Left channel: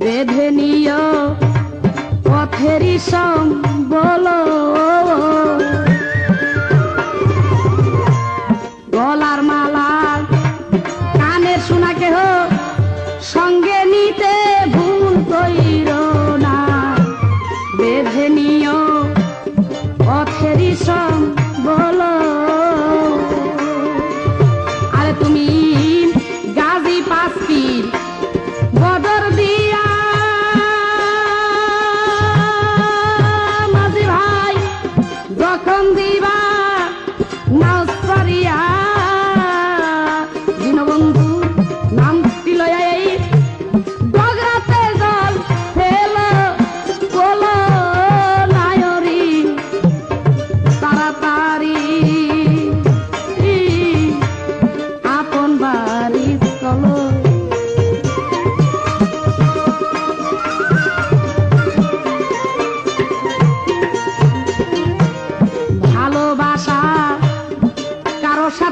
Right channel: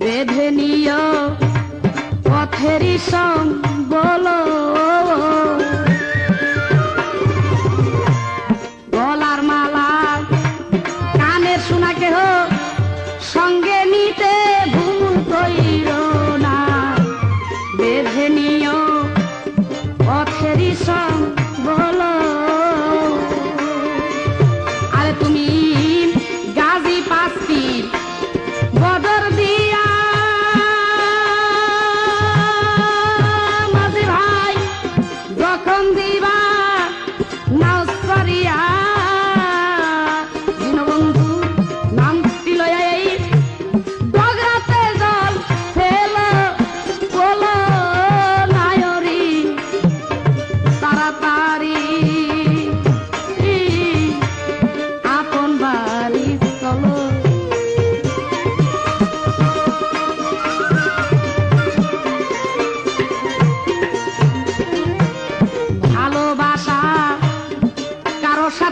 বেঁধে নিয় পথেরই সম বল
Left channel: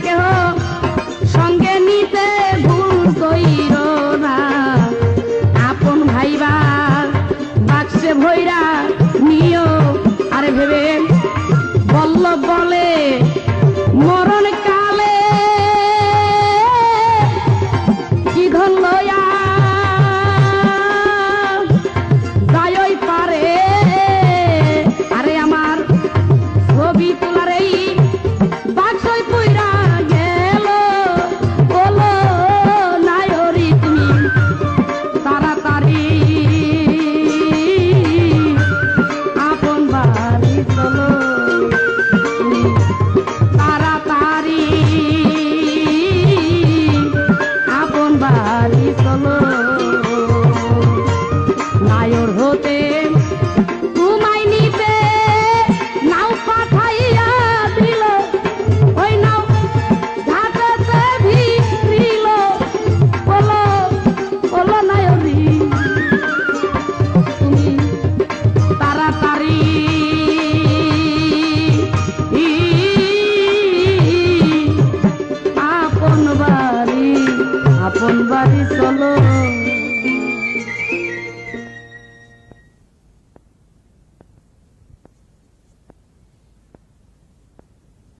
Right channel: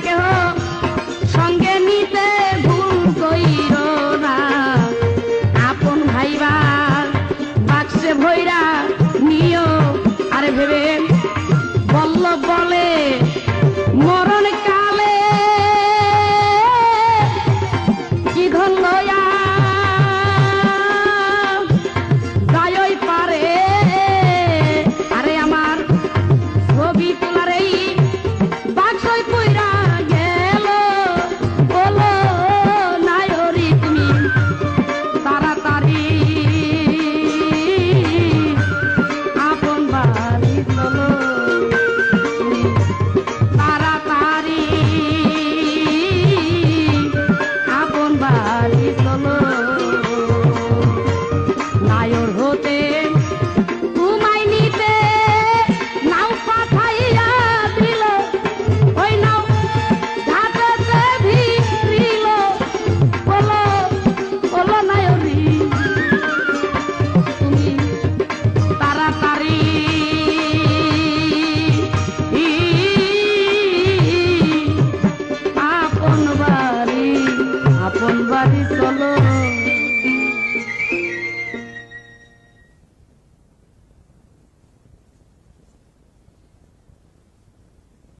दो